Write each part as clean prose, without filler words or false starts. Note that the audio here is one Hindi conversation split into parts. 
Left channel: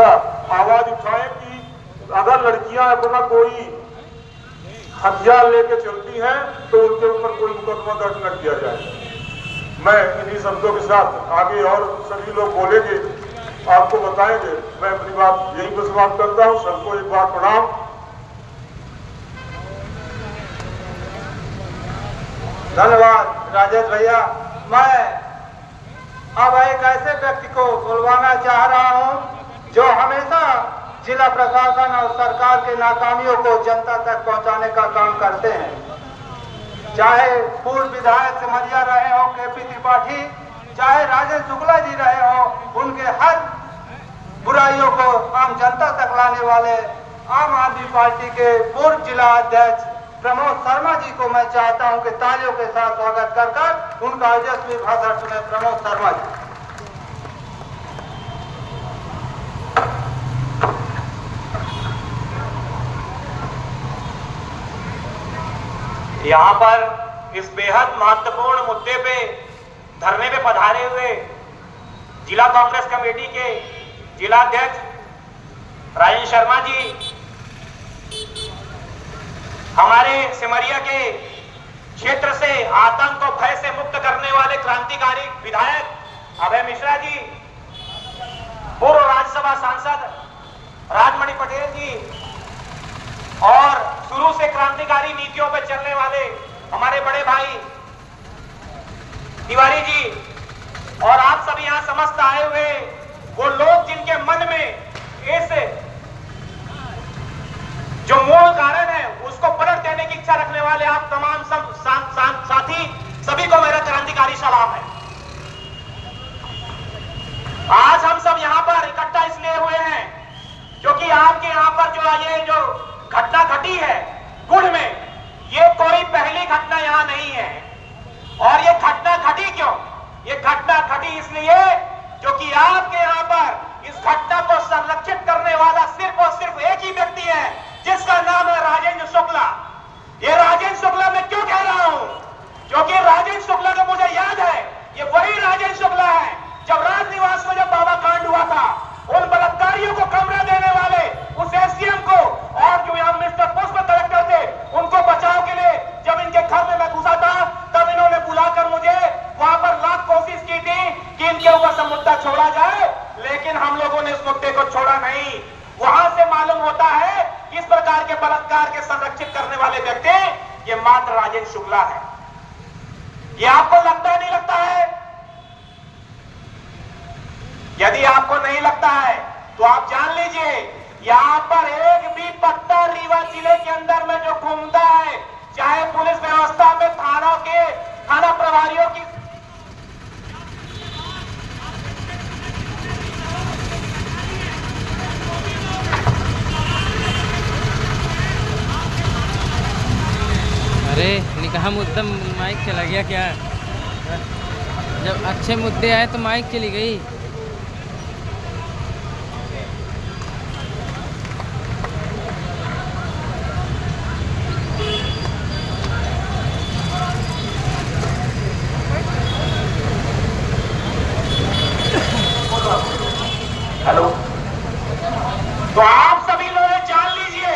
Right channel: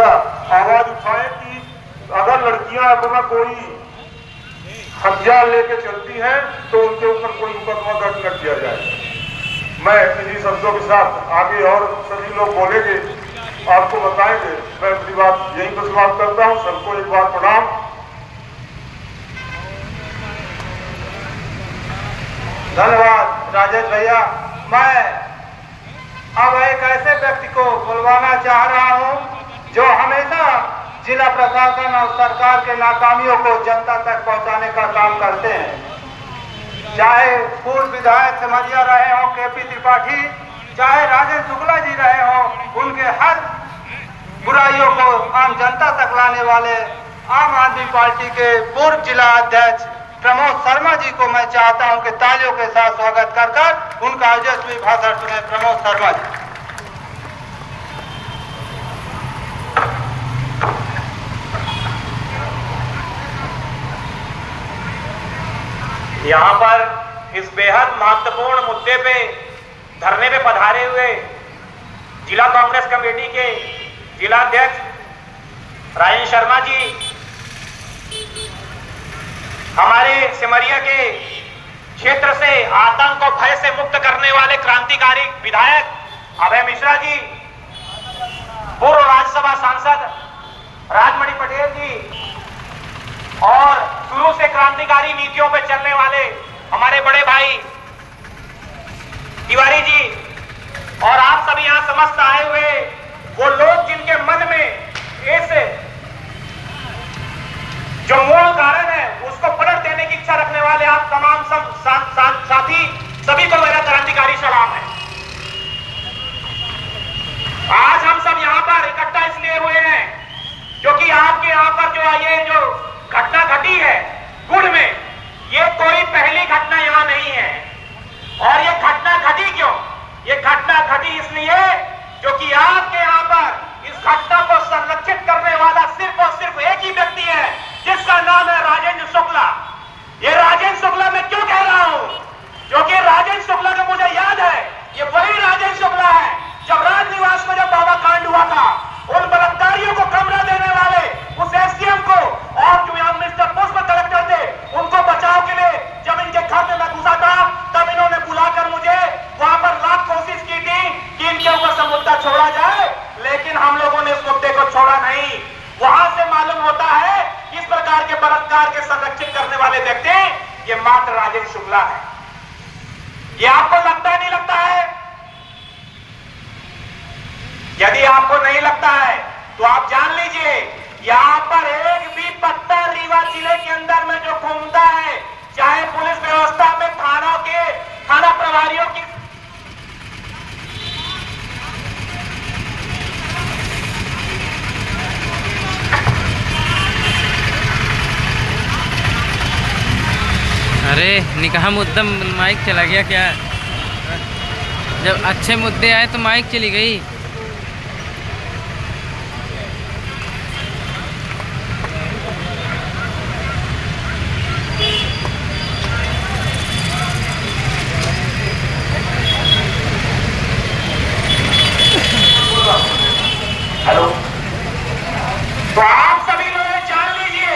आवाज उठाए कि अगर लड़कियां अथवा कोई हथियार लेके चलती हैं तो उनके ऊपर कोई मुकदमा दर्ज न किया जाए। मैं इन्हीं शब्दों के साथ आगे और सभी लोग बोलेंगे, आपको बताएंगे। मैं अपनी बात यही पर समाप्त करता हूँ। सबको एक बार प्रणाम। धन्यवाद राजेश भैया। मैं अब एक ऐसे व्यक्ति को बुलवाना चाह रहा हूं जो हमेशा जिला प्रशासन और सरकार के नाकामियों को जनता तक पहुंचाने का काम करते हैं। चाहे पूर्व विधायक समझिया रहे हो केपी त्रिपाठी, चाहे राजेश शुक्ला जी रहे हो, उनके हर बुराइयों को आम जनता तक लाने वाले आम आदमी पार्टी के पूर्व जिला अध्यक्ष प्रमोद शर्मा जी को मैं चाहता हूं कि तालियों के साथ स्वागत कर उनका ओजस्वी भाषण सुने। प्रमोद शर्मा जी। यहाँ पर इस बेहद महत्वपूर्ण मुद्दे पे धरने पे पधारे हुए जिला कांग्रेस कमेटी के जिला अध्यक्ष राजेश शर्मा जी, हमारे सिमरिया के क्षेत्र से आतंक और भय से मुक्त करने वाले क्रांतिकारी विधायक अभय मिश्रा जी, पूर्व राज्यसभा सांसद राजमणि पटेल जी और शुरू से क्रांतिकारी नीतियों पर चलने वाले हमारे बड़े भाई तिवारी जी, और आप सभी यहां समस्त आए हुए वो लोग जिनके मन में ऐसे जो मूल कारण है उसको पलट देने की इच्छा रखने वाले आप तमाम साथी सभी को मेरा क्रांतिकारी सलाम है। आज हम सब यहाँ पर इकट्ठा इसलिए हुए हैं क्योंकि आपके यहाँ पर जो घटना घटी है गुड़ में, ये कोई पहली घटना यहाँ नहीं है। और ये घटना घटी क्यों? ये घटना घटी इसलिए क्योंकि आपके यहाँ पर इस घटना को संरक्षित करने वाला सिर्फ और सिर्फ एक ही व्यक्ति है जिसका नाम है राजेंद्र शुक्ला। ये राजेंद्र शुक्ला मैं क्यों कह रहा हूं? क्योंकि राजेंद्र शुक्ला को मुझे याद है, ये वही राजेंद्र शुक्ला है जब राजनिवास में जब बाबा कांड हुआ था, उन बलात्कारियों को कमरा देने वाले उस एसडीएम को और जो यहाँ मिस्टर पुष्प कलेक्टर थे उनको बचाव के लिए जब इनके घर में मैं घुसा था तब इन्होंने बुलाकर मुझे वहां पर लाख कोशिश की थी कि इनके ऊपर से मुद्दा छोड़ा जाए, लेकिन हम लोगों ने इस मुद्दे को छोड़ा नहीं। वहां से मालूम होता है इस प्रकार के बलात्कार के संरक्षित करने वाले व्यक्ति ये मात्र राजेंद्र शुक्ला है। ये आपको लगता है, नहीं लगता है? यदि आपको नहीं लगता है तो आप जान लीजिए यहाँ पर एक भी पत्ता रीवा जिले के अंदर में जो घूमता है, चाहे पुलिस व्यवस्था में थाना प्रभारियों की अरे निकाह मुद्दा माइक चला गया क्या? जब अच्छे मुद्दे आए तो माइक चली गई। हेलो, तो आप सभी लोग जान लीजिए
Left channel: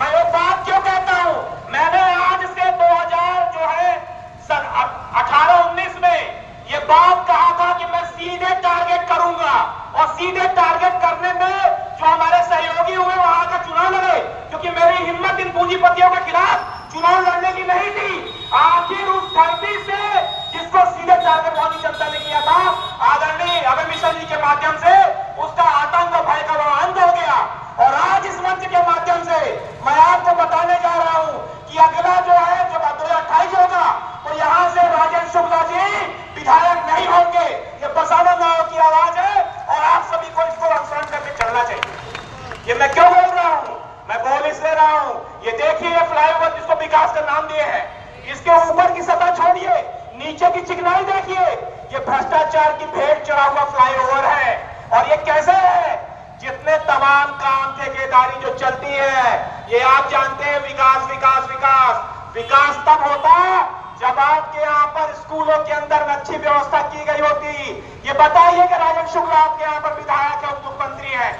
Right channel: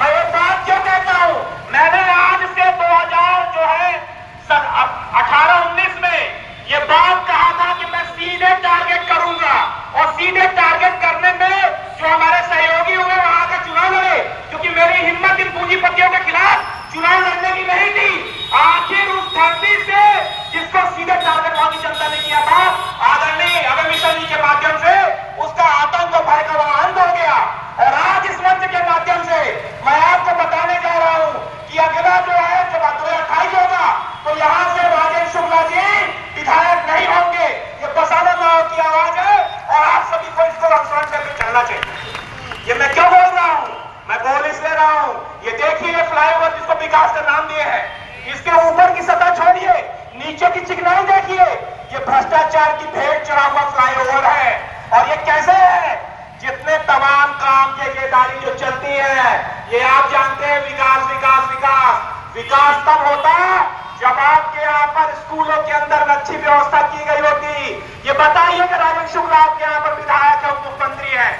मैं ये बात क्यों कहता हूं। मैंने आज से 2000 जो है 18-19 में ये बात कहा था कि मैं सीधे टारगेट करूंगा, और सीधे टारगेट करने में जो हमारे सहयोगी हुए वहां के चुनाव लड़े, क्योंकि मेरी हिम्मत इन पूंजीपतियों के खिलाफ चुनाव लड़ने की नहीं थी। आखिर उस धरती से जिसको सीधे टारगेट वहां की जनता ने किया था, आदरणीय अभय मिश्रा जी के माध्यम से उसका आतंक और भय का वहां अंत हो गया। और आज इस मंच के माध्यम से मैं आपको बताने जा रहा हूं कि अगला जो है जब 2028 होगा तो यहां से राजेंद्र शुक्ला जी विधायक नहीं होंगे। ये बसाना नाव की आवाज है और आप सभी को इसको अनुसरण करके चलना चाहिए। ये मैं क्यों बोल रहा हूं? मैं बोल इसलिए रहा हूं, ये देखिए ये फ्लाईओवर जिसको विकास का नाम दिए है, इसके ऊपर की सतह छोड़िए, नीचे की चिकनाई देखिए, ये भ्रष्टाचार की भेंट चढ़ा हुआ फ्लाईओवर है। और ये कैसे है? जितने तमाम काम ठेकेदारी जो चलती है, ये आप जानते हैं विकास विकास विकास विकास तब होता जब आपके यहाँ पर स्कूलों के अंदर अच्छी व्यवस्था की गई होती। ये बताइए कि राजेंद्र शुक्ला आपके यहाँ पर विधायक है, मुख्यमंत्री है,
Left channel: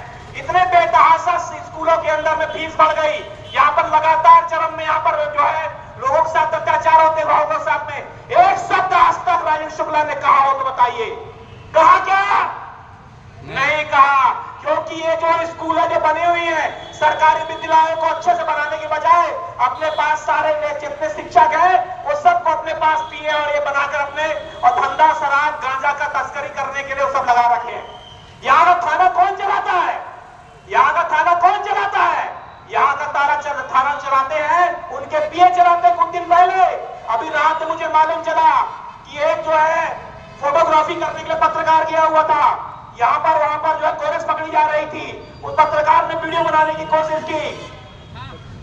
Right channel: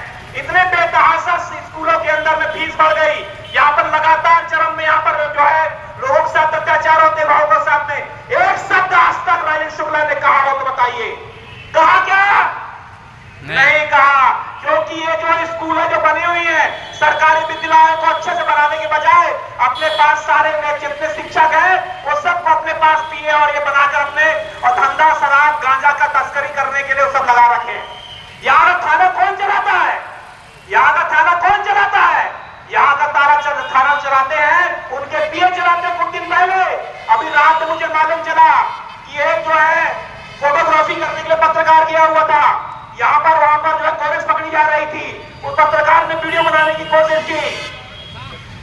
बढ़ गई। यहाँ पर लगातार चरम में यहाँ पर जो है लोगों के साथ अत्याचार होते, भावों के साथ में एक शब्द आज तक राजेंद्र शुक्ला ने कहा हो तो बताइए, कहा क्या? नहीं कहा। क्योंकि ये जो स्कूल जो बनी हुई है सरकारी विद्यालयों को अच्छे से बनाने के बजाय अपने पास सारे जितने शिक्षक हैं वो सबको अपने पास पीने और ये बनाकर अपने और धंधा शराब गांजा का तस्करी करने के लिए वो सब लगा रखे हैं। यहाँ का थाना कौन चलाता है? यहाँ का थाना कौन चलाता है? यहाँ का थाना चलाते हैं उनके पीए चलाते हैं। कुछ दिन पहले अभी रात में मुझे मालूम चला कि एक जो है फोटोग्राफी करने के लिए पत्रकार गया हुआ था यहाँ पर, वहां पर जो है कोरेस पकड़ी जा रही थी, उस पत्रकार ने वीडियो बनाने की कोशिश की।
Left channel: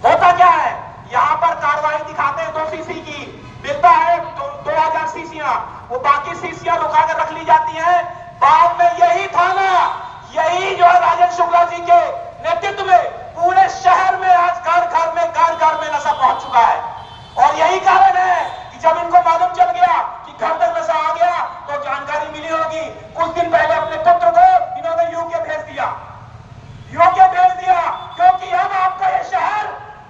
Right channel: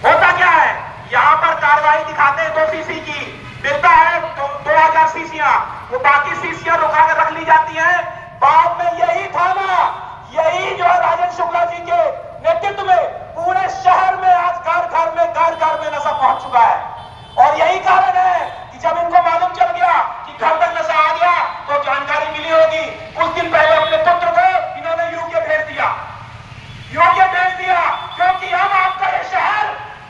होता क्या है यहाँ पर कार्रवाई दिखाते हैं 2 सीसी की, मिलता है 2000 सीसियां, वो बाकी सीसियां रुका कर रख ली जाती हैं। बाद में यही थाना, यही जो है राजेंद्र शुक्ला जी के नेतृत्व में पूरे शहर में आज घर घर में नशा पहुंच चुका है। और यही कारण है कि जब इनको मालूम चल गया कि घर तक नशा आ गया तो जानकारी मिली होगी। कुछ दिन पहले अपने पुत्र को इन्होंने यूके भेज दिया, क्योंकि हम आपका ये शहर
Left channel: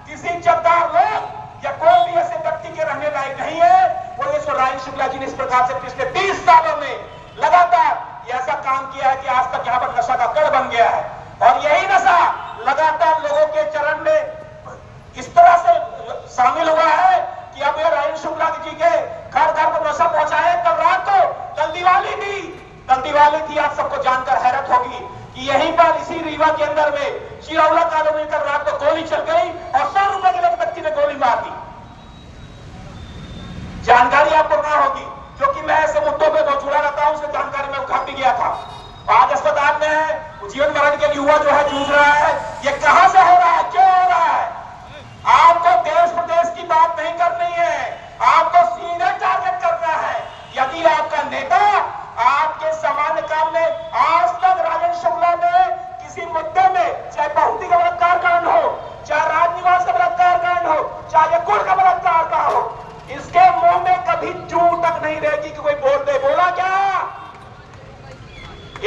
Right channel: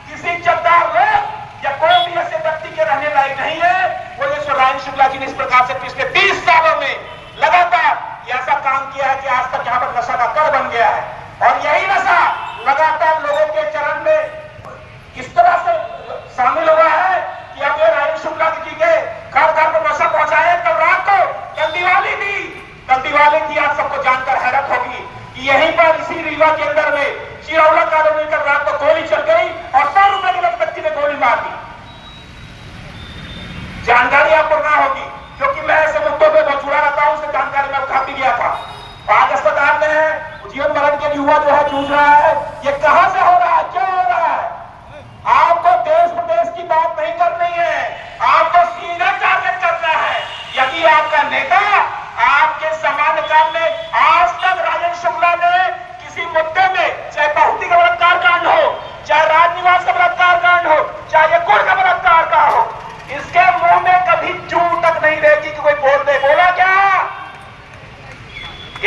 किसी इज्जतदार लोग या कोई भी ऐसे व्यक्ति के रहने लायक नहीं है। वो राजेंद्र शुक्ला जी ने इस प्रकार से पिछले 30 सालों में लगातार ऐसा काम किया है कि आज तक यहाँ पर नशा का तड़ बन गया है। और यही नशा लगातार लोगों के चरण में इस तरह से शामिल हुआ है कि अब ये राजेंद्र शुक्ला जी के घर घर पर नशा पहुंचाया। कल रात को कल दिवाली थी, आप सबको जानकर हैरत होगी कि यहीं पर इसी रीवा के अंदर में शिरौला कॉलोनी कल रात को गोली चल गई और 100 रुपए के एक व्यक्ति ने गोली मार दी। जानकारी आपको ना होगी क्योंकि मैं ऐसे मुद्दों पर बहुत जुड़ा रहता हूं, उससे जानकारी मैं उठा भी गया था। आज अस्पताल में है, जीवन मरण के लिए युवा जो है जूझ रहा है। ये कहां से हो रहा है, क्यों हो रहा है? आपको देश प्रदेश की बात नहीं करनी है, आपको सीधे टारगेट करना है। यदि आपका नेता आपके सामान्य काम में आज तक राजेंद्र शुक्ला ने किसी मुद्दे में, चाहे बहुती का बलात्कार कांड हो, चाहे राजनिवास का बलात्कार कांड हो, चाहे कुल का बलात्कार का हो, इसके मुंह में कभी चू तक नहीं रहेगी कि कोई बोल दे। बोला क्या?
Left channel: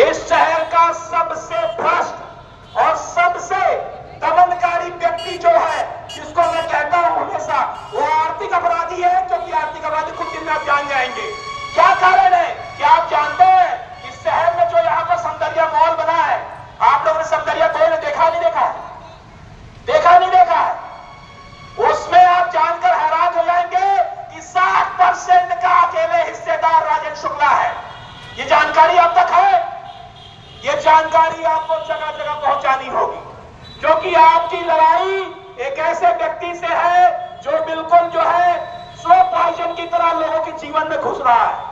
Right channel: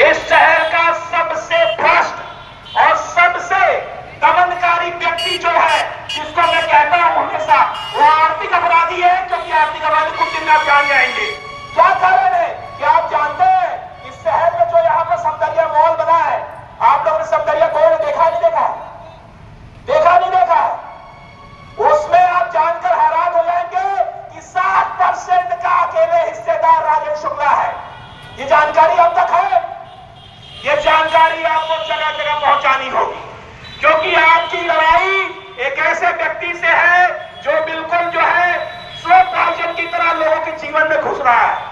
इस शहर का सबसे भ्रष्ट और सबसे दमनकारी व्यक्ति जो है, जिसको मैं कहता हूं हमेशा, वो आर्थिक अपराधी है। क्योंकि आर्थिक अपराधी कुछ दिन में आप जान जाएंगे क्या कारण है। क्या आप जानते हैं इस शहर में जो यहाँ का सौंदर्य मॉल बना है, आप लोगों ने सौंदर्य मॉल देखा नहीं देखा है? देखा नहीं देखा है? उसमें आप जानकर हैरान हो जाएंगे कि 60% का अकेले हिस्सेदार राजेंद्र शुक्ला है। ये जानकारी अब तक है? ये जानकारी आपको जगह जगह पहुंचानी होगी, क्योंकि आपकी लड़ाई एक ऐसे व्यक्ति से है जो बिल्कुल जो है स्लो पॉइजन की तरह लोगों के जीवन में घुस रहा है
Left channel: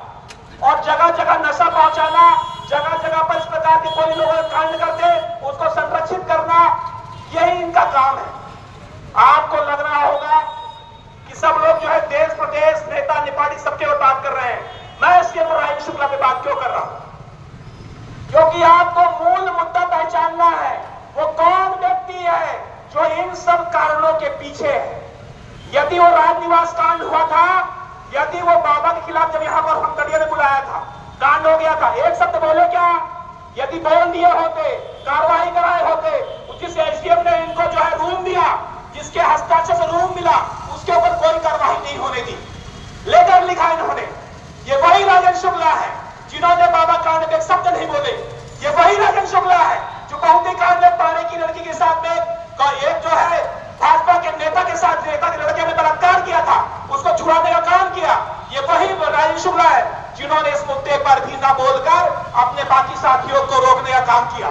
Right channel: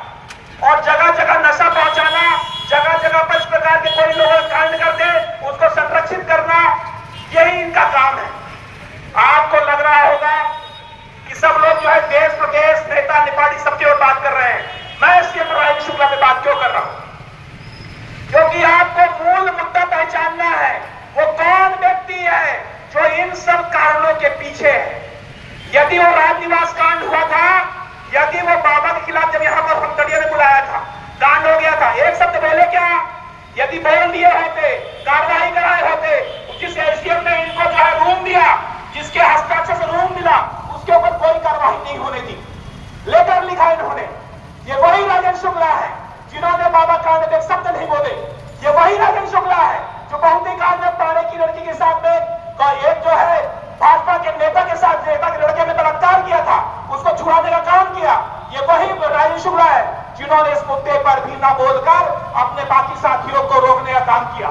और जगह जगह नशा पहुंचाना, जगह जगह पर इस प्रकार के कोई लोग कांड करते उसको संरक्षित करना, यही इनका काम है। आपको लग रहा होगा कि सब लोग जो है देश प्रदेश नेता निपाटी सबके ऊपर बात कर रहे हैं। मैं इसके ऊपर राजेंद्र शुक्ला पे बात क्यों कर रहा हूं? क्योंकि आपको मूल मुद्दा पहचानना है, वो कौन व्यक्ति है जो इन सब कारणों के पीछे है। यदि वो राजनिवास कांड हुआ था, यदि वो बाबा के खिलाफ जब यहाँ पर हमदड़िया ने बुलाया था, कांड हो गया था, एक शब्द बोले क्या? यदि बोल दिए होते, कार्रवाई कराए होते, जिस एसडीएम ने इनको जो है रूम दिया, जिसके हस्ताक्षर से रूम मिला, उसके ऊपर कोई कार्रवाई नहीं होने दी, लेटर लिखा इन्होंने। ये वही राजेंद्र शुक्ला है जिन्होंने बाबा कांड में एक शब्द नहीं बोले। ये वही राजेंद्र शुक्ला है जो बहुती कांड में पाने की लड़की के साथ में एक जो है भाजपा के नेता के साथ, नेता के लड़के ने बलात्कार किया था, उसको छुड़ाने का काम किया। ये वही राजेंद्र शुक्ला है जिन्होंने इस मुद्दे पर भी ना बोलकर अपने बाकी साथियों को रोकने का काम किया।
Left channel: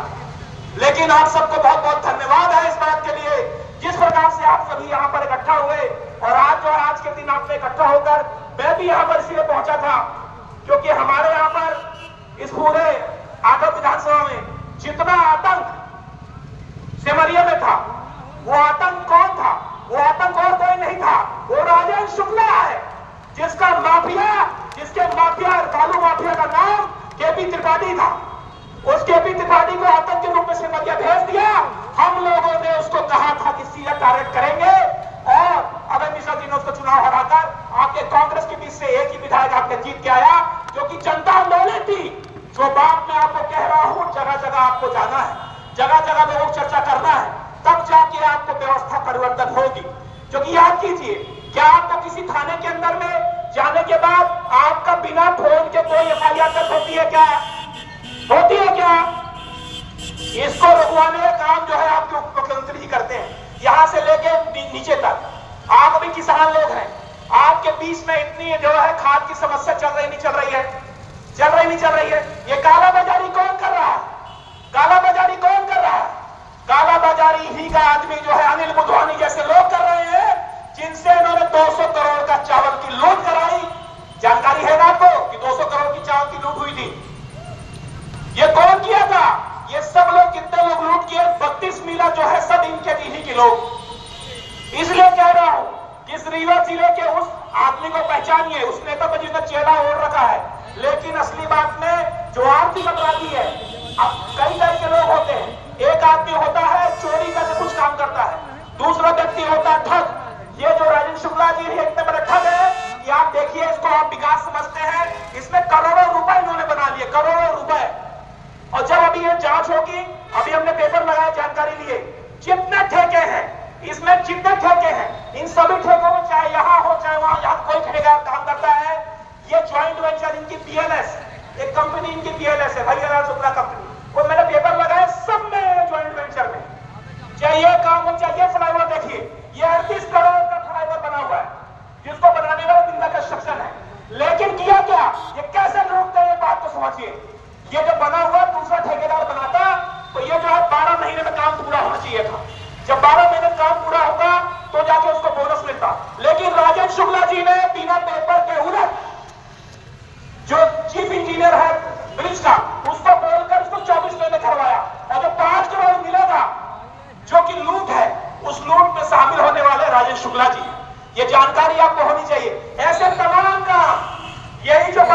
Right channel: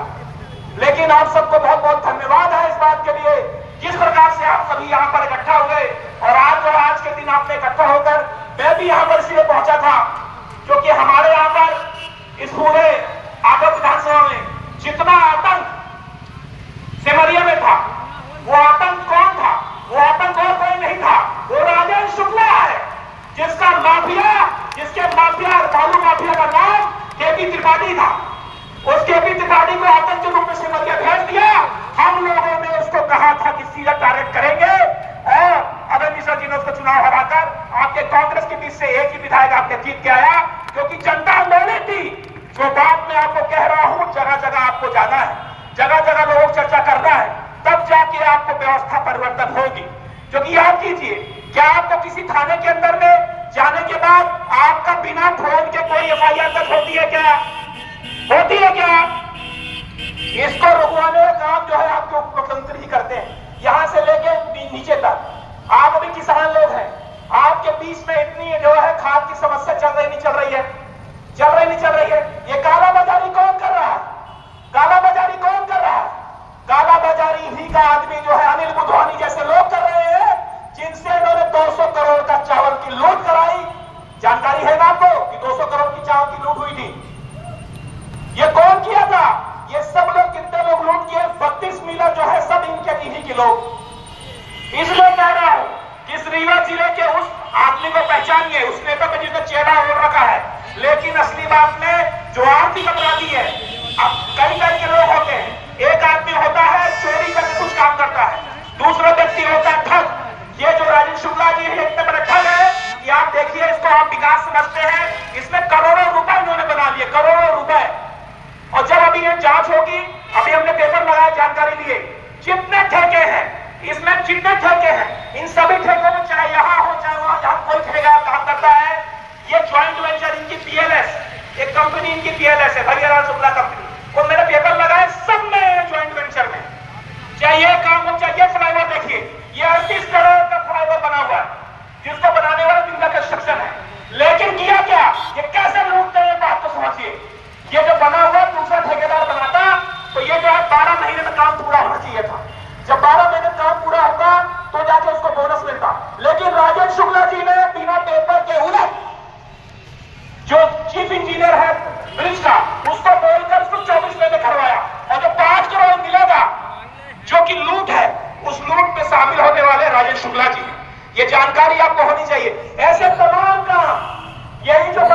लेकिन आप सबको बहुत बहुत धन्यवाद है इस बात के लिए, जिस प्रकार से आप सभी यहाँ पर इकट्ठा हुए। और आज के दिन आपने इकट्ठा होकर, मैं भी यहाँ पर इसलिए पहुंचा था क्योंकि हमारे यहाँ पर इस पूरे आगरा विधानसभा में जितना आतंक सिमरिया में था, वो आतंक कौन था? वो आतंक और कोई नहीं था, वो राजेंद्र शुक्ला है, जिसके माफिया बालू माफिया का नाम केपी त्रिपाठी था। उस केपी त्रिपाठी को आतंक के रूप में सिमरिया भेज दिया। हम लोगों ने उसको कहा था कि सीधा टारगेट करेंगे और अभय मिश्रा जी ने उसको चुनाव हराकर आपके कांग्रेस के बीच से एक ही विधायक आपने जीत के आया, क्योंकि जनता बोली थी। जो बात मैं आपको कह रहा हूं, जगह जगह आपको जाना है, जगह जगह लोगों को चर्चा करना है, तब जाके आपको व्यवस्था परिवर्तन होगी। क्योंकि याद कीजिए, क्या आपको किसी थाने के अंदर में जाने के बाद आपका बिना फोन के कोई एफआईआर दर्ज होती है क्या? होती है क्या? इसको रुकवाने का काम जो है आपके उप मुख्यमंत्री जी करते हैं, यहां से लेके नीचे तक। आप अभी किसान लोग हैं, आपके बीच में इतनी जो है खाद की समस्या चल रही नहीं चल रही है? चल रही नहीं चल रही है? ये कालाबाजारी कौन कर रहा है? कालाबाजारी कौन कर रहा है? कालाबाजारी ही का आदमी जो है अनिल बुधवानी जैसे लोग कर रहे हैं, जिनसे इन्होंने 200 करोड़ का चावल की लूट कराई। जानकारी है ना आपको कि 200 करोड़ की चावल की लूट हुई थी? ये कौन किया था? ये सब लोग, कितने लोग लूट किए? 32 मिला जो है सब इनके ही के लोग। इसलिए कह रहा हूं कि इस रीवा जिले के उस आदमी को पहचानिए, उस नेता को जिसने चेहरा ओढ़ रखा है, लेकिन असली बात में जो आरती बता दी है। अब कई तरह के लोग होते हैं, एक आदमी होता है चोरी करके कुछ काम करता है, दूसरा व्यक्ति होता है ठग। ये जो राजेश शुक्ला जी है इतने बड़े ठग है कि आप देखिए, इसको आप विकास समझते हैं, इसमें करोड़ों रुपए इन्होंने बना लिए, करोड़ों रुपए। और जब अभी ये जांच होगी, अभी हमने पेपर लगाया, जानकारी लिए, जितने ठेके हैं इसमें, जितने ठेके हैं इन सभी ठेकों में, चाहे यहाँ हो चाहे वहां, जहां कोई ठेकेदार काम करता है, ये ज्वाइंट वेंचर इनकी पीएलएस, एक कंपनी इनकी पीएलएस है, भैया शुक्ला कंपनी, और मैंने पेपर लगाया, सब में ज्वाइंट वेंचर में, चाहे ये काम हो चाहे ये फ्लाईओवर। देखिए ये 38 करोड़ का फ्लाईओवर बना हुआ है, जिसको बनाने वाला जिनका कंस्ट्रक्शन है, लेकिन किया क्या? ये कैसे लूटते हैं, बात तो समझिए। ये जो बना हुआ दूसरा ठेकेदार बनाता, तो ये जो है 12 महीने में काम पूरा होना चाहिए था। जब 12 महीने में काम पूरा होगा तो जाके उसको बोनस मिलता, लेकिन राजेश शुक्ला जी ने बिना पेपर के उलट, जो चीफ इंजीनियर है ब्रिज का, उसको बोलकर उसको 24 महीने करवाया, और जो 5 करोड़ मिलेगा जो कि लूट है, उस लूट में शामिल होने वाले राजेश शुक्ला जी। ये जानकारी आपको होनी चाहिए। ऐसे तमाम काम, यही जो